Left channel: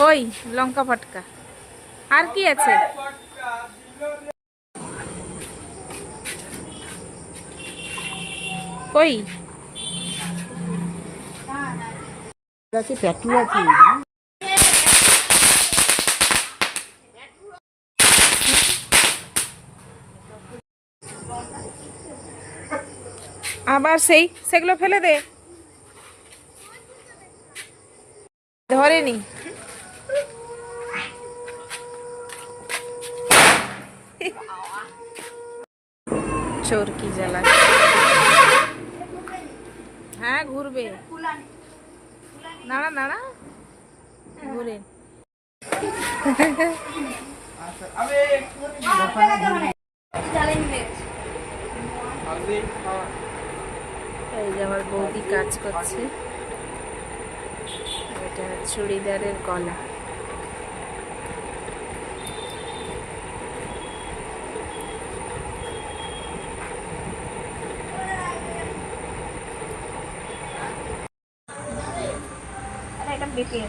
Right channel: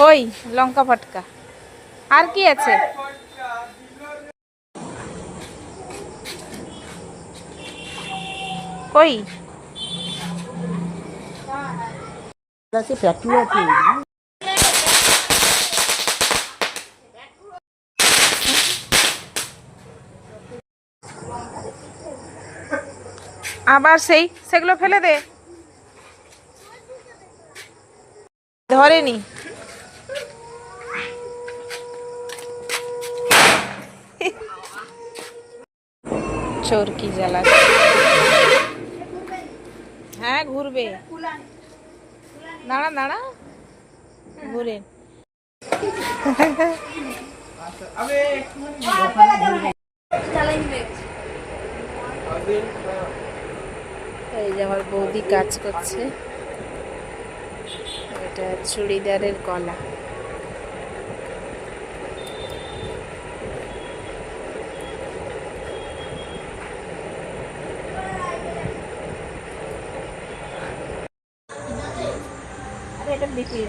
কই লঙ্কা ফটকা আর কি আছে? কই আছে পেট্রোল আছে। আবার সেগুলো ফেলে দে, ধরেনি। চোরকি জ্বালাচ্ছে। হ্যাঁ ঘুরবে, দাঁড়া দাঁড়া, ঘুরে। এই যে আমার বৌদি কাজ করছে, এটা চুড়িদারের গলা। এটা বিক্রি